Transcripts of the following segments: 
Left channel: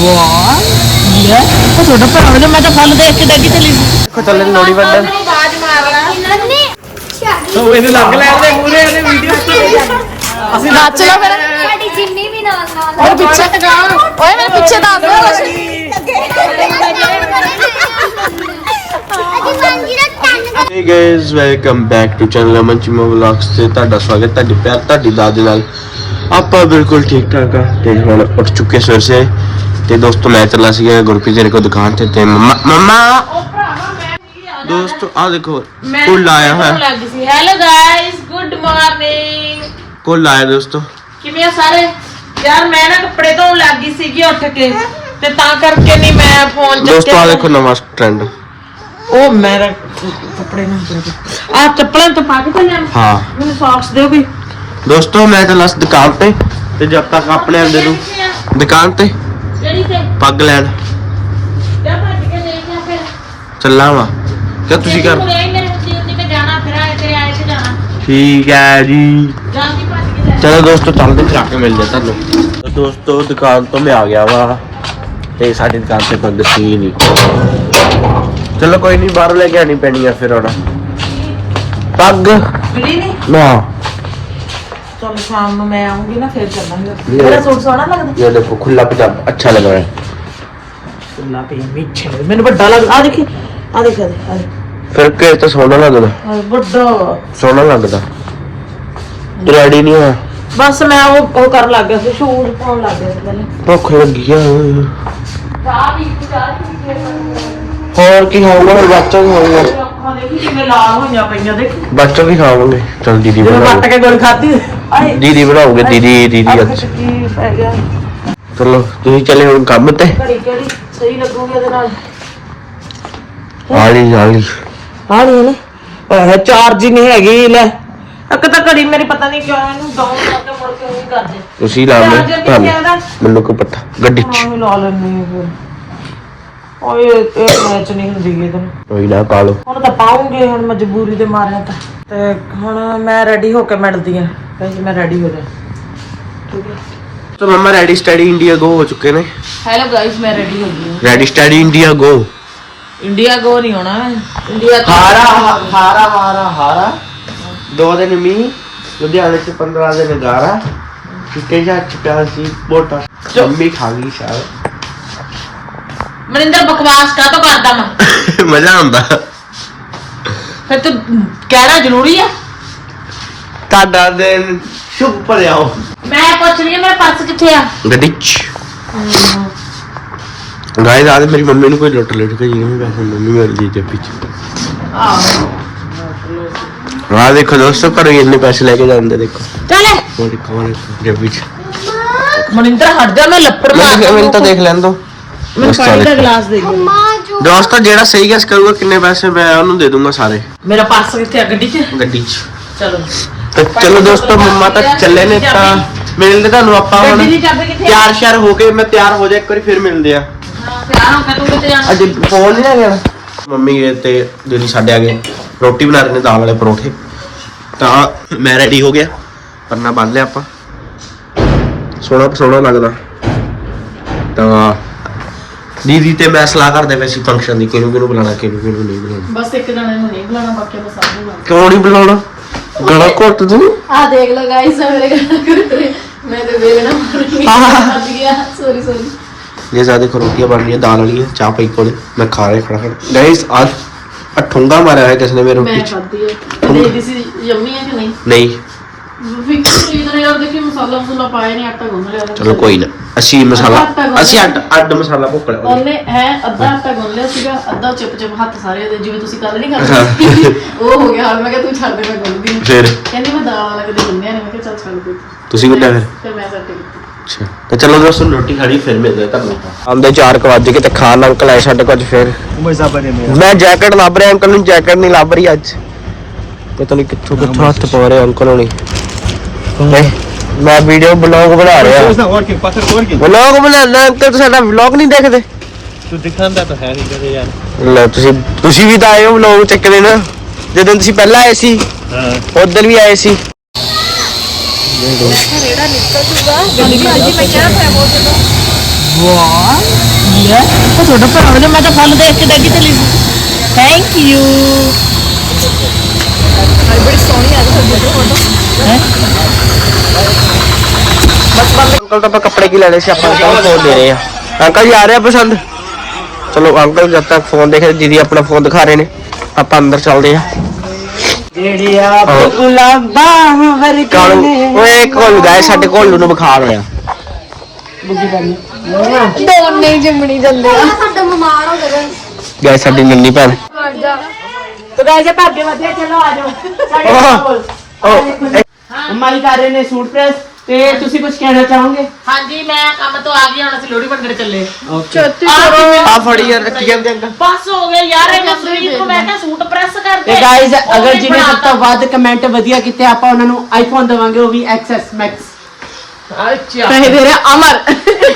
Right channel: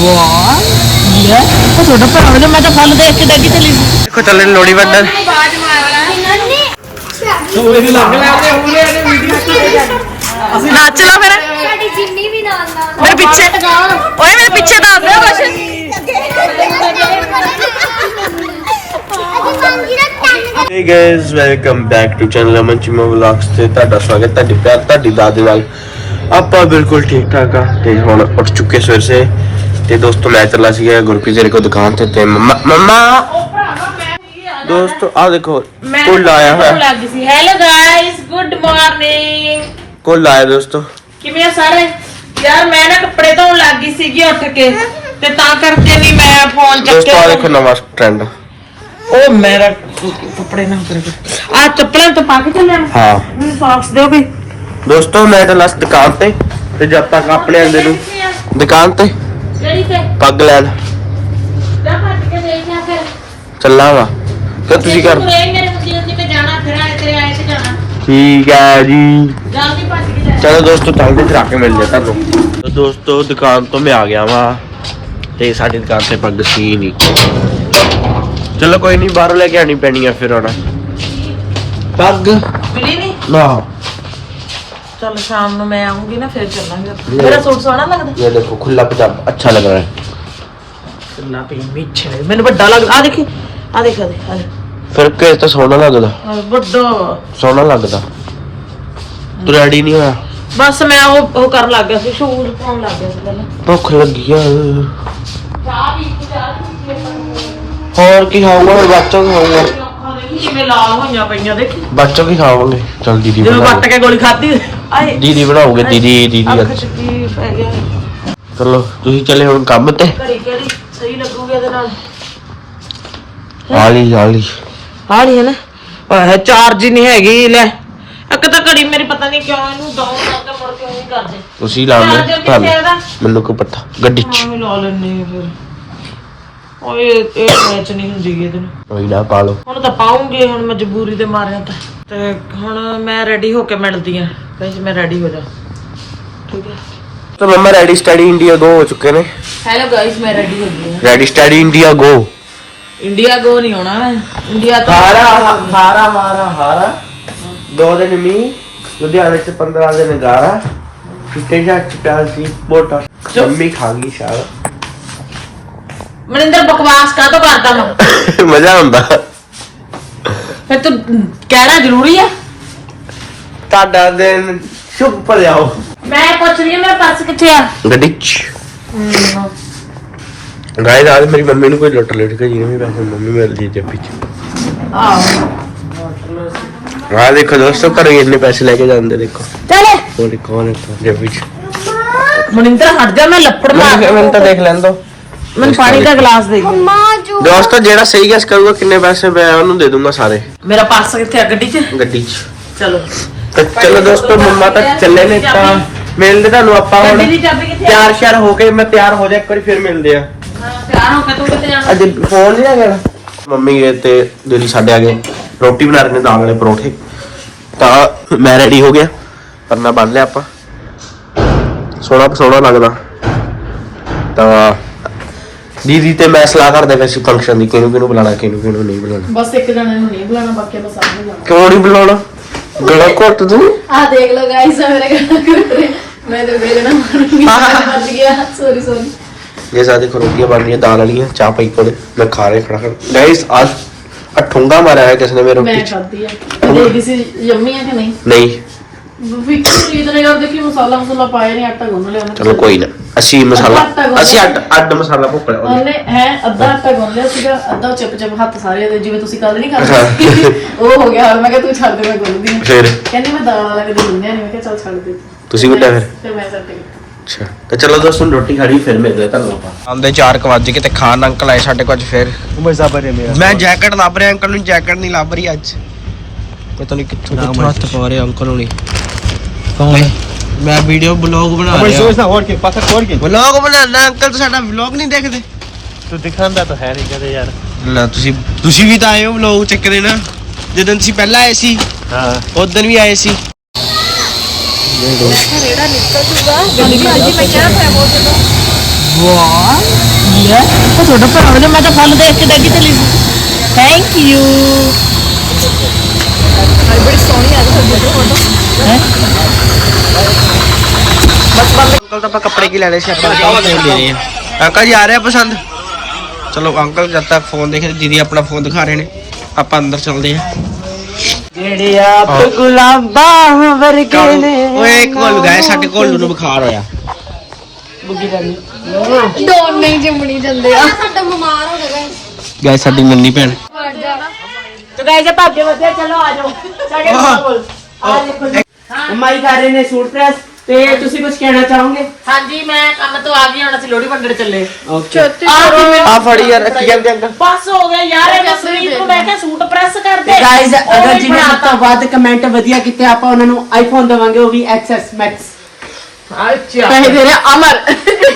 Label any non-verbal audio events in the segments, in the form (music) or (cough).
ਵਾਹ ਯਾ ਉਹ ਛੋਟਾ ਭਰਾ ਵਜੇ ਮੈਂ ਤਾਂ ਫੁੱਲ ਦੇਖ ਕੇ ਡੱਗੀ ਚਲੀ ਸੀ। ਦੇਖੋ ਚੱਲੇ ਨੇ ਲੋੜੀ ਵੰਡਣ ਤੂੰ ਇਹਨੂੰ ਲੱਗ ਲੈਂਦੇ ਪੂਰੇ ਇਹਨੇ ਵੀਡੀਓ ਅਸੀਂ ਨੱਚ ਲਓ ਫਿਰ। ਸਾਡੀ ਜਿੰਨੀ ਵੀ ਨਾਲ ਨਾਲ ਮੇਰੇ ਪਿੱਛੇ। ਓਏ ਮੇਰੇ ਪਿੱਛੇ ਤਾਂ ਆਉਂਦੇ ਹੋ ਅਸੀਂ ਮੰਗੀ ਦਾ ਤੰਨ hey guys welcome back to channel Aman Cheema vlogs ਤੇ ਤੁਹਾਡਾ ਸਵਾਗਤ ਤੁਹਾਡੀ ਪਿਆਰ ਤੁਹਾਡੀ ਦਾਦ ਦੇ ਨਾਲ। ਆਪਾਂ ਬਿਲਕੁਲ ਠੀਕ ਠਾਕ ਆ ਤੇ ਹੁਣ ਉੱਠ ਚੁੱਕੇ ਸਵੇਰ ਸੇ। ਤੇ ਦੋਸਤੋ ਮੈਂ ਚੱਲਾ ਸੀਗਾ ਗੁਰਪ੍ਰੀਤ ਜੀ ਕੋ ਦੁਕਾਨ ਤੇ ਤੇ ਮੰਮਾ ਮੰਮਾ। ਦੋਸਤੋ ਆ ਦੇਖੋ ਕੁੱਲ ਆਇਆ ਹੈ ਲੱਗ ਸੀ। ਹੈਲੋ ਗਾਇਸ ਗੁੱਡ ਮਾਰਨਿੰਗ ਕੁੱਲ ਆਇਆ ਦੋਸਤੋ। ਕਿਵੇਂ ਆ ਸਾਰੇ? ਯਾਰ ਮੈਂ ਨਾ ਕੱਪੜੇ ਧੋਣ ਲੱਗ ਗਈ ਸੀਗੀ ਉੱਠ ਕੇ ਤੇ ਤਾਂ ਕਰਕੇ ਨਹੀਂ ਮੈਂ ਫੋਨ ਦੋਸਤੋ ਆ ਚੱਕਿਆ ਦੇਖੋ ਨਵਾਂ ਟ੍ਰੈਂਡ ਉਹ ਮੇਰਾ ਕੱਪੜੇ ਨਾ ਕਰੇ ਆ ਚੱਪਲਾਂ ਤੋਂ ਪਾ ਕੇ ਚੱਲਿਆ ਹਾਂ। ਮੈਨੂੰ ਸੌਕਸ ਦਿਓਗੇ? ਦੋਸਤੋ ਮੈਂ ਚੱਲਾ ਸੀ ਦੁਕਾਨ ਤੇ ਤੇ ਜਦ ਤੱਕ ਆਪਣੇ ਅੰਦੇ ਨੂੰ ਦੁਕਾਨ ਤੇ। ਜਿਹੜੀ ਤੇ? ਪੱਗ ਲੈਣ ਜਾ ਫੜ ਕੇ ਲੈ ਜਾ ਫਿਰ? ਚੱਲਾਂ ਵਾ। ਤੇ ਤੁਸੀਂ ਕਰ ਮੇਰੇ ਮੁੰਡੇ ਉੱਤੇ ਮੈਂ ਜਾਣਾ ਫਿਰ ਆਏ ਤੇਰੇ ਆਏ ਤੇ ਜਾਣਾ। ਠੀਕ ਹੈ ਜੀ। ਜਲਦੀ ਭੱਜ ਕੇ ਜਾ ਚਲੋ ਦੋਸਤੋ ਚੱਲਦੇ ਫਿਰ ਆ ਕੇ ਮਿਲਦੇ ਤੁਹਾਨੂੰ। ਤਾਂ ਦੋਸਤੋ ਦੁਕਾਨ ਤੋਂ ਮੈਂ ਆ ਗਿਆ ਵਾਂ ਤੇ ਸਾਡੀ ਦੁਕਾਨ ਤੇ ਪੱਗ ਸੀ ਨਹੀਂ। ਚਲੋ ਕੋਈ ਨਹੀਂ ਬਾਹਰੋਂ ਲੈ ਕੇ ਆਣੀ ਪੈਣੀ ਆ ਫਿਰ ਹੁਣ। ਪੱਗ? ਨਹੀਂ ਨਾ। ਚਲ ਸ਼ਾਮ ਨੂੰ ਮੈਂ ਆਉਂਗੀ ਨਾ ਫਿਰ ਚੱਲਾਂਗੇ ਲੈ। ਮੇਰਾ ਸੂਟ ਸੋਹਣਾ ਲੱਗਦਾ ਇਹ ਦੇਖੋ ਖੁੱਲਾ ਪੰਜਾਬ ਅੱਛਾ ਲੱਗ ਰਿਹਾ ਹੈ ਖੁੱਲਾ ਪਈ ਮਿੱਛੇ ਮੈਨੂੰ ਵੱਡਾ ਲੱਗਦਾ ਆ ਦੇਖੀ ਆ ਦੇਖ ਆ ਦੇਖ, ਆ ਦੇਖ ਫਿਰ ਕਿ ਤਾਂ ਸੋਹਣਾ ਲੱਗਦਾ ਆ ਵੱਡਾ ਸੋਹਣਾ ਲੱਗਦਾ ਤੂੰ ਰੈਡੀ ਨਹੀਂ ਹੋਇਆ ਬਸ ਮੈਂ ਉਹ ਉਹ ਕਰਨ ਲੱਗ ਗਿਆ ਸੀ ਸ਼ੂਜ਼ ਪਾਉਣ ਲੱਗ ਗਿਆ ਸੀ ਪਹਿਲਾਂ ਭੁੱਖ ਲੱਗੀ ਆ ਹੋਰ ਕੀ ਖਾਵਾਂਗੇ ਬੱਚੋ ਖਾਵਾਂਗੇ ਅੱਖਾਂ ਦੇਖੀ ਕਿਵੇਂ ਲਾਲ ਹੋਈਆਂ ਪਈਆਂ ਦੇਖੀ। ਬੱਚੋ ਕੀ ਖਾਵਾਂਗੇ। ਚਲ ਦੀਦੀ ਜਦੋਂ ਬਣਾਓ ਵੱਟ ਕੇ ਗੋਲੀ ਖਾਧੀ। ਆਏ। ਦੀਦੀ ਬਣਾਓਗੇ ਦੀਦੀ ਦੀਦੀ ਅੱਖ ਅੱਜ। ਕੀ ਪੈ ਗਿਆ। ਚਲੋ ਤੁਸੀਂ ਚੱਲੇ ਹੁਣ ਕੰਮ ਤੇ। ਘੜੀ ਕਿਹੜੀ ਸਹੀ ਲੱਗੂਗੀ ਇਹਦੇ ਨਾਲ? ਆਲੀ ਆਲੀ ਆ ਹੈ ਨਾ ਇਹ ਚਾਰਜ ਹੀ ਨਹੀਂ ਹੈਗੀ ਲੈ। ਇੱਕ ਤਾਂ ਘੜੀ ਮੇਰੀ ਪਤਾ ਨਹੀਂ ਕਿਉਂ ਇਹਨੂੰ ਡਾਊਨ ਕਰਕੇ ਮੁੜ ਕੇ ਨਹੀਂ ਕਰਦੇ। ਤੁਸੀਂ ਲਾ ਲਓ ਤੁਹਾਨੂੰ ਮੈਨੂੰ ਕੋਈ ਪਤਾ। ਗੱਡੀ ਚ। ਵੀ ਲਾ ਲੈਣੀ ਫਿਰ। ਓਏ ਇਹ ਮੈਚ ਨਹੀਂ ਹੁੰਦੀ ਇਹਦੇ ਨਾਲ। ਕੋਈ ਨਾ ਪਾ ਲਓ। ਹੁਣ ਤਾਂ ਪਾਉਂਗੇ ਹੁਣ ਮਜਬੂਰੀ ਦੇ ਮਾਰਿਆ ਤਾਂ। ਤੇ ਹੁਣ ਮੈਂ ਰੈਡੀ ਹੋ ਕੇ ਮਿਲਦੀ ਆ ਵੈਸੇ ਮੈਂ ਰੈਡੀ ਹੋ ਜਾ। ਠੀਕ ਹੈ। ਤਾਂ ਮਮਾ ਰੈਡੀ ਸਟੱਡੀ ਇੰਡੀਆ ਗੋ ਹੋ ਚੁੱਕੇ ਨੇ। ਹੈਲੋ ਗਾਇਸ ਮੈਂ ਰੈਡੀ ਹੋ ਗਈ ਹਾਂ। Ready steady India go India go ਨਹੀਂ ਹੋਣਾ ਇੰਡੀਆ ਤੋਂ ਹਾਰਾ ਹਾਰਾ ਹਾਰਾ ਹਾਰਾ। ਦੋ ਦਿਨ ਮੀ ਲੁਧਿਆਣੇ ਚ 15 ਦਿਨ ਗਾਰਾ। ਕਿਤੇ ਜਾ ਚਿੱਟਾ ਸੀ ਮੋਟਾ ਮੰਮੀ ਖਾ ਗਈ ਸ਼ਾਇਦ। ਮਨਿੰਦਰ ਬਕਵਾਸ ਕਾਹਤੋਂ ਕਰਦਾ ਮੈਂ (laughs) ਮਜ਼ਾ ਆਉਂਦਾ। ਫਿਰ ਤੂੰ ਕਹਿਣਾ ਜ਼ਰੂਰੀ ਹੈ ਤੁਹਾਡਾ ਦਿਨ ਸ਼ੁਭ ਭਰਿਆ ਹੋ ਮੈਂ ਪੁੱਛ ਰਹੀ ਹਾਂ ਮੇਰਾ ਪਰਸ ਕਿੱਥੇ ਆ? ਗੱਡੀ ਚ। ਗਾਇਸ ਆਜ ਮੇਰੀ ਮੰਮੀ ਨੂੰ ਕੋਈ ਲੁੱਟ ਲੁੱਟ ਕੇ ਜੀ ਨਹੀਂ ਵੈਸੇ ਮੰਮੀ ਮੇਰੀ ਦੀ ਜੱਪੀ ਚ। ਆਹ। ਦੇਖੋ ਦੋਸਤੋ ਘਰੋਂ ਹੀ ਇੰਨੇ ਪੈਸੇ ਲੈ ਕੇ ਜਾਂਦੇ ਦੇਖੋ। ਚੱਲ। ਉਹ ਦੇਖੋ ਉਹ ਦੇਖੋ ਜੱਪੀ ਚ। ਮਨਿੰਦਰ ਹਟ ਜਾ ਮੈਂ ਲੱਪੜ ਮੈਨੂੰ ਮੈਨੂੰ ਤਾਂ ਦੇਖ ਲੈਣ ਦੋ। ਮੈਨੂੰ ਪਾਣੀ ਦਾ ਗਲਾਸ ਦੇ ਦੇ ਮਾਂ ਜੋ ਦੋਸਤੋ ਜਿਹੜਾ ਸਹੀ ਗੈਸ ਕਰੂਗਾ ਕਿੰਨੇ ਪੈਸੇ ਮੈਂ ਉਹਨੂੰ ਦੇ ਦੂੰਗਾ ਸਾਰੇ। ਮੇਰਾ ਪਰਸ ਕਿੱਥੇ ਆ ਗੱਡੀ 'ਚ? ਗੱਡੀ 'ਚ। ਚਲੋ। ਤੇ ਚਲੋ ਦੋਸਤੋ ਮੰਮਾ ਤਾਂ ਚੱਲੇ ਨੇ ਤਾਂ ਮਿਲਦੇ ਤੁਹਾਨੂੰ ਆਪਾਂ ਹੁਣ। ਗੱਡੀ ਦੀ ਚਾਬੀ ਕਿੱਥੇ ਆ? ਤਿਆਰ ਸ਼ਿਆਰ ਹੋ ਕੇ ਮੈਂ ਤਿਆਰ ਹੋ ਜਾ ਇੱਕ ਵਾਰੀ ਫਿਰ ਮਿਲਦੇ ਆ। ਤਿਆਰ ਹੋ ਕੇ ਤੂੰ ਕਿੱਥੇ ਜਾਣਾ? ਅੱਜ ਫੋਨ ਨਹੀਂ ਆ ਗਿਆ ਮੰਮੀ ਗਏ ਤੇ ਦੀਦੀ ਸਾਡੇ ਆ ਗਏ। ਰੋਟੀ ਬਣਾ ਰਹੇ ਨੇ ਦਾਲ ਵਾਲੇ ਪਰੌਠੇ। ਤਾਂ ਮੈਂ ਰੈਡੀ ਹੋ ਗਿਆ। ਪਰਨਾ ਬੰਨ ਲਿਆ ਆਪਾਂ। ਸੋਹਣਾ ਸੋਹਣਾ ਲੱਗਦਾ। ਤਾਂ ਦੀਦੀ ਤੇ ਮੈਂ ਸਲਾਹ ਕਰਦੇ ਪਏ ਸੀ ਫੰਕਸ਼ਨ ਦੀ ਕਿਹਨੂੰ ਕਿਹਨੂੰ ਬੁਲਾਣਾ ਕਿਹਨੂੰ ਕਿਹਨੂੰ ਨਹੀਂ ਬੁਲਾਣਾ ਬਸ ਇੱਕ ਜਣੇ ਨੂੰ ਨਹੀਂ ਬੁਲਾਣਾ ਬਾਕੀ ਬਸ ਆਪ ਨੂੰ ਕਿਉਂ ਨਹੀਂ ਬੁਲਾਉਣਾ ਗਲਾ ਘੁੱਟ ਦੂੰ ਆ ਦੇਖ ਲਓ ਗਾਇਸ ਮੇਰੇ ਘਰ ਮੈਂ ਤਾਂ ਵੇਲਣਾ ਮਾਰੂੰਗੀ ਵੱਜ (laughs) ਗਿਆ ਸੌਰੀ ਸੌਰੀ ये ज्यादा खरोटियां बन रही है दाल वाली है चाय पई कोले मैं खा रहे खड़ा खड़ा गाइस आज अठूंगा मारा है किसने मेरे ਮੈਂ रोटी च? ਖਾਧੀ ਆ ਦੇਖਦੀ ਸੀ ਯੰਮੀ ਆ ਕਿ ਨਹੀਂ नहीं ਚਲੋ ਕੋਈ ਨਾ ਅਸੀਂ ਮਸਾਲਾ ਅਸੀਂ ਅੱਡ ਅੱਡ ਮਸਾਲਾ ਭੁੱਕ ਲਿਆ ਉਹਨੇ। ਹੈ ਅੱਧਾ ਆਟਾ ਗੁੰਨ ਲਿਆ ਸੀਗਾ ਅੱਧਾ ਚਿਪ ਚਿਪ ਹੱਥ ਸਾਰੇ ਦੇ ਜਿਵੇਂ ਤੁਸੀਂ ਕੱਲ ਨਹੀਂ ਕਰਦੇ। ਉਹ ਹੋ ਗਿਆ ਹਾਲ ਮੈਂ ਕਿਹਾ ਤੂੰ ਛੱਡ ਦੇ ਮੈਂ ਗੁੰਨਦੀ ਨਹੀਂ ਫਿਰ? ਕਹਿੰਦੀ ਮੈਂ ਦਾਲ ਵਾਲਾ ਕਦੇ ਗੁੰਨਿਆ ਨਹੀਂ ਮੈਂ ਕਿਹਾ ਚੱਲ ਛੱਡ ਦੇ। ਤੁਸੀਂ ਗੁੱਟਿਆ ਫਿਰ? ਫਿਰ ਮੈਂ ਸੱਟ ਕੀਤੀ ਅੱਛਾ। ਤਾਂ ਚਲੋ ਦੋਸਤੋ ਰੋਟੀ ਖਾ ਫਿਰ ਮਿਲਦੇ ਆ ਤੁਹਾਨੂੰ ਆਪਾਂ। ਆਉਂਦੇ 4 ਵਜੇ ਕਿਤੇ ਖਾਣ ਅੰਕਲ ਆਏ ਸਾਡੇ ਕੋਲ ਫਿਰ। ਉਹ ਬਸ ਆ ਬਣੇ ਮੈਂ ਜੈਕਟ ਲੱਭ ਰਿਹਾ ਅੰਕਲ ਨੂੰ ਜੈਕਟ ਨਹੀਂ ਲੱਭ ਰਹੀ ਅੱਜ। ਤੇ ਤੁਹਾਨੂੰ ਕਿੱਥੋਂ ਕਿੱਥੋਂ ਹੱਥ ਪਾ ਰਹੇ ਅੰਕਲ ਹੋਣੀ। ਮੈਂ ਵੀਡੀਓ ਬਲੌਗ ਬਣਾ ਰਿਹਾ। ਵਲੌਗ ਬਣਾਉਣਾ ਅੰਕਲ ਤੁਸੀਂ ਸਾਡਾ ਵਲੌਗ ਨਹੀਂ ਦੇਖਦੇ? ਲੈ ਤੁਸੀਂ ਤੁਸੀਂ ਵੀ ਤਾਂ ਆਏ ਹੋ ਵਲੌਗ ਚੱਕਦੇ ਨਾ ਜਦੋਂ ਤੁਸੀਂ ਪਹਿਲਾਂ ਆਏ ਸੀ ਹਾਂ। ਉਦੋਂ ਵੀ ਆਏ ਸੀ। ਰੇੜਾ ਨਿਕਲ ਜੂਗਾ। ਗੱਡੀ ਭਾਜੀ ਮੈਂ ਕਿਹਾ ਪਿਆ ਬੋਲ ਵਾਹ ਯਾ ਉਹ ਤੁਹਾਡਾ ਭਰਾ ਵਜੇ ਮੈਂ ਤਾਂ ਫੁੱਲ ਦੇਖ ਕੇ ਡੱਗੀ ਚਲੀ ਥੈਂਕ ਯੂ ਬੜੀ ਸੋਹਣੀ ਆ ਗਈ ਤੁਹਾਡੀ ਅੰਕਲ ਤੋਂ ਆਪਾਂ ਕੱਪੜੇ ਕੀ ਲੈਣੇ ਸੀ? ਆਪਾਂ ਤਾਂ ਫੋਨ ਦੇ ਰਹੇ ਆ ਅੰਕਲ ਜੀ ਆ ਰਿਹਾ ਪਸੰਦ? ਚਲੋ ਅੰਕਲ ਜਦ ਤੱਕ ਫੋਨ ਦੇਖੇ ਦੀਦੀ ਆਪਣਾ ਫੋਨ ਦਿਖਾ ਰਹੇ ਨੇ। ਆਪਾਂ ਅੰਦਰ ਚੱਲਦੇ ਆ ਜਿਹੜਿਆ ਗੁਲਾਬਾਂ ਵਰਗੇ ਨੇ। ਓਏ ਕੋਲ ਗਾਇ ਸਾਡੇ ਕੋਲ ਨੂੰ ਬੁਖਾਰ ਹੋਇਆ ਦੋਨੇ ਜਿਮਣੀ ਜਾਂਦੇ ਆ। ਸਾਡਾ ਬਿਮਾਰ ਹੋ ਗਿਆ। ਗਾਇ ਸਾਡੀ ਨੰਨੀ ਭੈਣ। ਤੇ ਗਾਇਸ ਭਾਗੇ ਵਧੀਆ ਚਲੋ ਆ ਜਾਓ। ਸਾਡੇ ਕੋਲ ਮਾਈ ਕਰ ਰਹੇ ਨੇ ਸੂਟ ਪ੍ਰੈਸ ਤੇ ਤੁਸੀਂ ਕੁਝ ਕਹਿਣਾ ਚਾਹੋਗੇ? ਹਾਂਜੀ ਮੈਂ ਕੰਮ ਤੋਂ ਆ ਗਈ ਹੁਣ ਅਸੀਂ ਲੋਹੜੀ ਵੰਡਣ ਚੱਲੇ। ਓਕੇ ਆ ਫੜੀ ਯਾਰ ਕੀ ਕਹਿੰਦੇ ਅੰਕਲ ਬਸ ਹੋ ਗਿਆ ਯਾਰ ਇਹ ਮਸਰੀਤ ਨੂੰ ਮੈਂ ਕਿਹਾ ਸੂਟ ਪ੍ਰੈਸ ਕਰ ਦੇ। ਤੇ ਗਾਇਜ਼ ਉਹ ਅਗਰ ਵੀ ਜਿਹਨੇ ਸਭ ਬਣਾਤਾ। ਤੋਂ ਵੱਧ ਕਮੈਂਟ ਵਧੀਆ ਕੀਤੇ ਆਪਾਂ ਉਹਨਾਂ ਨੂੰ ਆਈਫੋਨ ਦੇਵਾਂਗੇ ਉਹ ਵੀ ਐਕਸੈਸ ਮੈਕਸ ਪੈਸੇ ਦੇ ਰਿਹਾ ਅਮਰ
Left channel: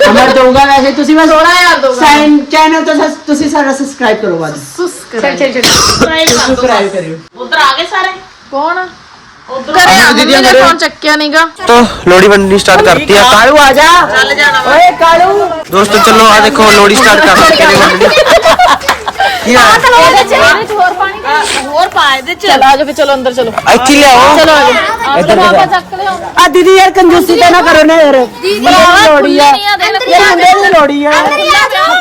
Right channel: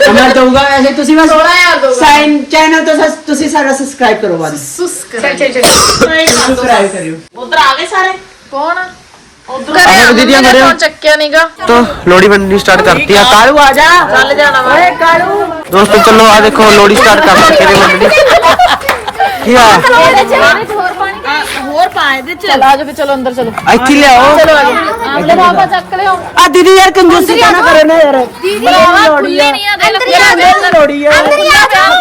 ਅਮਰ ਦਊਗਾ ਵੈਸੇ ਤੁਸੀਂ ਬਸ 16000 ਦਊਗਾ। ਸਾਈਨ ਚੈਨਲ ਤੋਂ ਸਸ- ਤੁਸੀਂ ਸਾਡਾ ਸਬਸਕ੍ਰਾਈਬ ਕਰੋ ਬਾਜੀ ਸੁਸਤ ਚੱਲ ਚੱਲ ਚੱਲ ਨਹੀਂ ਕਰ ਦੋ ਸਬਸਕ੍ਰਾਈਬ ਕਰਿਓ ਉਧਰ ਆ ਗਏ ਸਾਰੇ ਕੌਣ ਉਧਰ ਮੰਮੀ ਨੇ ਫੋਨ ਚੱਕਿਆ ਨੀਗਾ तो लोहड़ी बननी स्टार्ट करती है कालू आ जा ਚੱਲ ਜਾਣਾ ਵਾ। ਓਏ ਕਾਲੂ दोस्तों चलो आ देखो लोहड़ी स्टार्ट कर चुके ने मंडली क्या ਹੋਰ ਪਾ ਇਹਦੇ ਚ ਆ ਜਾਓ ਫਿਰ ਚਲੋ ਅੰਦਰ ਚਲੋ अच्छी ले आओ ਅੰਦਰ ਆ ਕੇ ਚੱਕ ਲਿਓ ਆ ਦੀਦੀ ਯਾਰ ਕੰਜੂਸੀ ਤਾਂ ਨਾ ਕਰੋ ਨਾ ਯਾਰ ਦੀਦੀ ਲੋੜੀ ਆ ਦੇ ਯਾਰ ਮੇਰੀ ਲੋੜੀ ਹੈ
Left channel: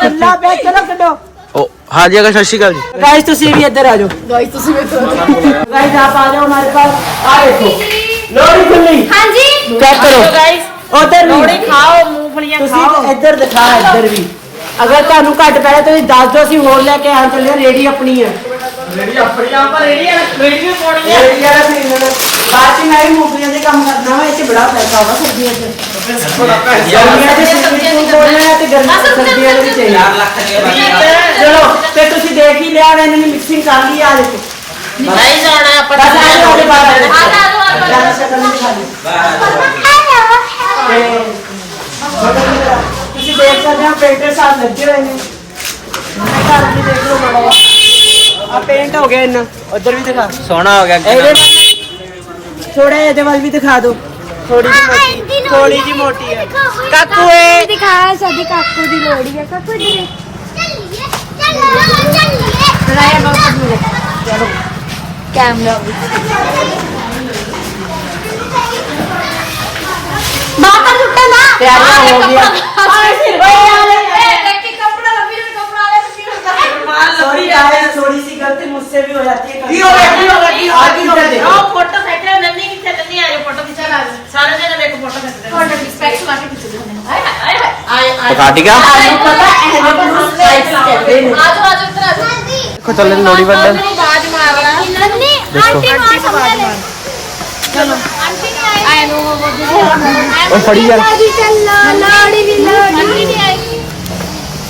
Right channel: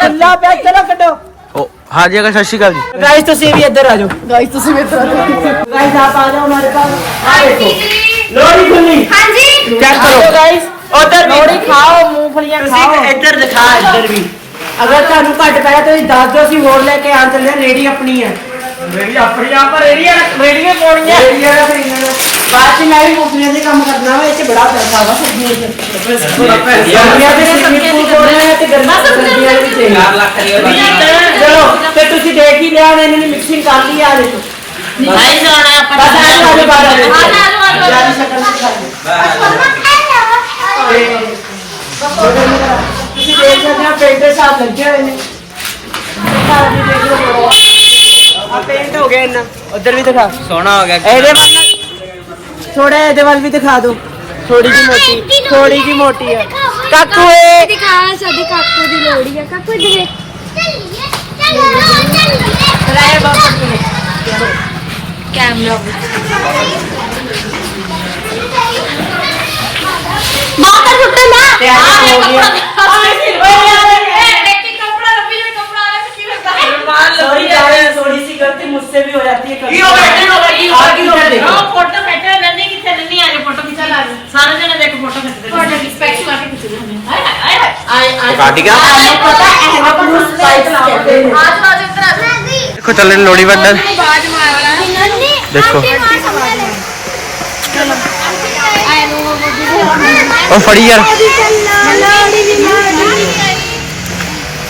ਖੁੱਲਾ ਪਿਆ ਚਲੋ ਕੱਢੋ ओ हाँ जी अगर सत श्रीकाल जी गाइस ਤੁਸੀਂ ਵੀ ਇੱਧਰ ਆ ਜਾਓ ਗਾਇਸ ਤੁਸੀਂ ਮੇਰੇ ਤੋਂ गाइस आप आ जाओ हमारे पास आ देखो लोहड़ी खुली ਹਾਂਜੀ चेक करो ਗਾਇਸ उधर ਲੋਹੜੀ ਖਾਓ ਮੂੰਗਫਲੀਆਂ ਖਾਓ ਤੁਸੀਂ ਇੱਧਰ ਦਿਖਾ ਇੱਧਰ ਵੀ ਅਗਰ ਤੁਹਾਨੂੰ ਘੱਟ ਪੈ ਜਾਏ ਤੁਸੀਂ ਦੱਸ ਦਿਓ ਅਸੀਂ ਹੋਰ ਲੈ ਕੇ ਆਂ ਚੱਲੇ ਹਾਂ, ਰੇੜੀ ਆਪਣੀ ਹੈ ਰੇੜੀ ਆਪਣੀ ਆਪ ਰੇੜੀ ਆ ਰੇੜੀ ਪਾਉਣੀ ਆ ਰੇੜੀ ਵਾਲਾ ਖਰੀਦਣਾ ਨੇ। ਬਾਅਦ ਚ ਮੈਂ ਵੀ ਮੂਵੀਆਂ ਦੇ ਕੰਮ ਕਰਨਾ ਵਾ ਚ ਬੜਾ ਪੈਸਾ ਵਾ ਸਰਦੀਆਂ ਚ। ਸਰਦੀਆਂ ਦੇ ਬੋਲਣਾ ਹੈ ਤੇ ਗਰਮੀ ਸਰਦੀਆਂ ਦੇ ਵਿੱਚ ਚਾਹੀਦਾ ਚਲੋ ਤੇ ਤੁਸੀਂ ਦੇਖ ਹੀ ਲਿਆ ਨੇ ਇਹਨਾਂ ਨੇ ਮਿਕਸਿੰਗ ਕਰ ਲਈ ਆ ਦੇਖੋ। ਨਹੀਂ ਜਾਣਾ ਆਪਾਂ ਬਸ ਆ ਜਾ, ਆ ਜਾ, ਆ ਜਾ। ਜ਼ਿਆਦਾ ਸ਼ਕਲ ਨਹੀਂ ਖਾਣੀ ਤੁਸੀਂ ਦੇਖ ਸਕਦੇ ਹੋ ਪੇਂਟਰ ਸਾਹਿਬ ਲੱਗੇ ਹੋਏ ਨੇ। ਘਰ ਦੀ ਦੇਖ ਲਓ ਬੜਾ ਆ ਪੇਂਟ ਹੋ ਗਿਆ ਇਹਨਾਂ ਉਧਰ ਵੀ ਦਿਖਾ। ਸੋਹਣਾ ਹੋ ਗਿਆ ਇਹਦੇ ਮਨ ਥੋੜਾ ਇਹਦੇ ਵੱਲ ਵੀ ਦਿਖਾ ਦਿਓ। ਥੋੜੀ ਜੀ ਮੋਟੀ ਥੋੜੀ ਜੀ ਮੋਟੀ ਹੈ। ਕਾਕੂ ਇਹ ਦਿਖਾ ਸਾਡੀ ਕਾਕੂ ਦੀ ਲੋੜੀ ਆ। ਕਾਕੂ ਇਧਰ ਚੱਲੀਏ ਚੱਲੀਏ ਬੁਲਾਇਆ ਬਾਬਾ ਨੂੰ ਕੈਮਰਾ। ਬਾਹਰ ਟੁੱਟੇ ਨਾ ਤਿਆਰ ਹੋ ਗਿਆ ਆ ਸਿਰ ਵਾਲੇ देखो। चल रहे। लोड़ी बंडल। देखो। चलो। फड़ी यार। लोड़ी लोड़ी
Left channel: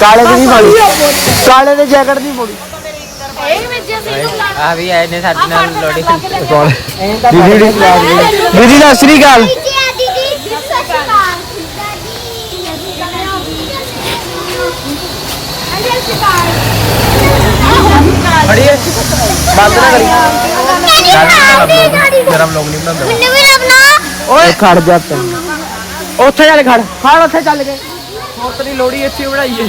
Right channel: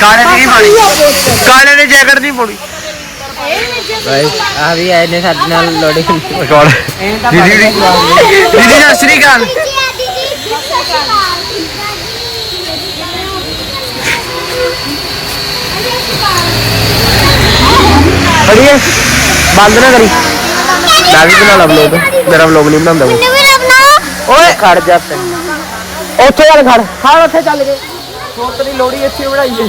ਕਾਲੇ ਦੀ ਨਹੀਂ ਪਾਣੀ ਕਾਲੇ ਨੇ ਜੈਕਟ ਨਹੀਂ ਪਾਉਣੀ। ਆ ਵੀ ਆਏ ਨੇ ਸਾਡੇ ਨਾਲ ਲੋੜੀ। ਕਾਲ ਦੀਦੀ ਦੀ- ਦੀਦੀ ਸਤਿ ਸ਼੍ਰੀ ਅਕਾਲ। ਅਜੀ ਜਾ ਉੱਥੇ। ਚੱਲ ਖੜ। ਖੜ ਉੱਥੇ ਚੱਲ ਗਏ ਸੋਤ ਦੀ ਲੋੜੀ ਇੱਥੇ ਬਣਾਈਏ